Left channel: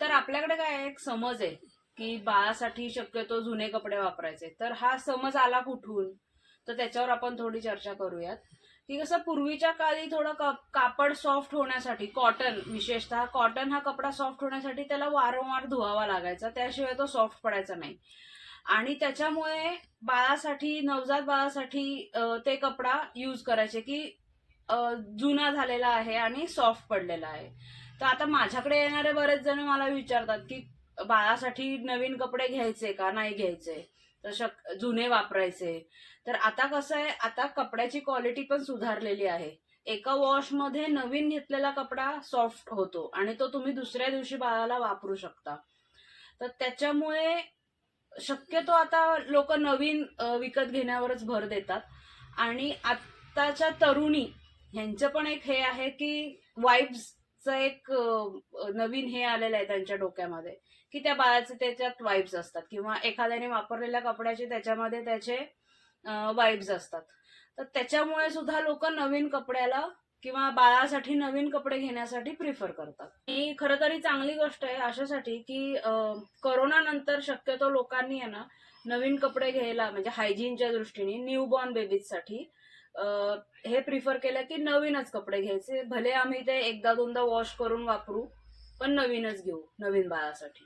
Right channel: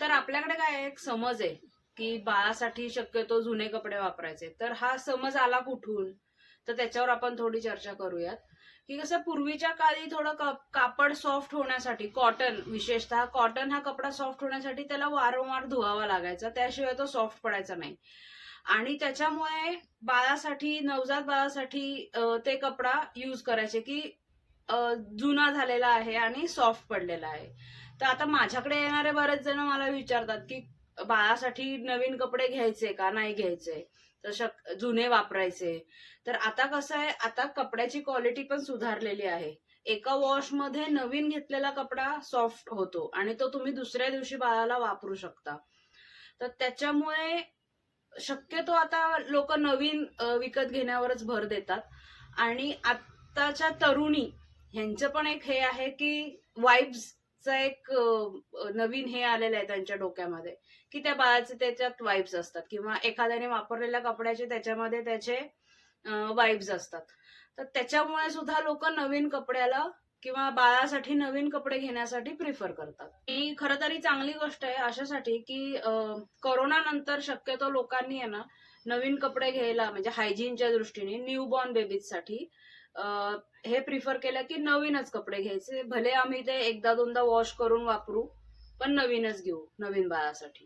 तर आपल्याकडे काय एक समज आहे की बाळासाठी शक्यतो जुने कपडे वापरायचे. तर हा समज आला कुठून, तर त्याच्यावर आपण थोडी चर्चा करूयात. की कसं पूर्वीच्या काळी थोडं कापड सॉफ्ट होण्यासाठी, कॉटन विशेषतः कॉटन हा कपडा सॉफ्ट होण्यासाठी त्याला वारंवार धुवावा लागायचा, त्याशिवाय तो सॉफ्ट पडायचा नाही. आणि त्याच्यामुळे बाळासाठी, नवजात बाळासाठी ते कपडा यूज करायचे की अ, जुना झालेला आहे आणि सॉफ्ट पडलेला आहे. तर आता माझ्याकडे येणारे बरेच जण मला विचारतात की बाळासाठी नवीन कपडे घ्यायचे का नाही घ्यायचे, तर जुने वापरायचे. तर आता कसं आहे, आता कपड्याची क्वालिटी पण सुधारलेली आहे. एका वॉशमध्ये नवीन घेतलेला कपडा सॉफ्ट होतो आणि तो तुम्ही दुसऱ्या दिवशी बाळाला वापरू शकता. तर त्याच्यामुळे शक्यतो आता लोक नवीन विकत घेण्यावरच भर देतात. आणि आताच्या तरुणी ह्यांचं पण एक हे आहे की वाईब्सचा एक नवीन हे आलेलं आहे त्यांच्या डोक्यामध्ये, की त्या बाळाचे त्याच्यात वाईब्स असतात किंवा एखाद्याने वापरलेल्या कपड्याचे त्याच्यामध्ये त्याचे वाईब्स असतात. तर त्याच्यामुळे सुद्धा लोक नवीन कपड्याला किंवा बाळासाठी नवीन कपडे घेण्यासाठी प्रिफर करतात. ही खरं तरी चांगली गोष्ट आहे अशासाठी की कोरोना नंतर शक्यतो लोकांनी आहे ना नवीन कपडे घ्यायला, म्हणजे हायजीनच्या दृष्टीने न्यूबॉर्न बेबीजसाठी हे प्रिफर केलं की नवीनच कपडे घ्यायचे. भले आम्ही ते एकदा दोनदा वॉश करून वापरू, पण नवीनच घेऊ नवीन बाळासाठी.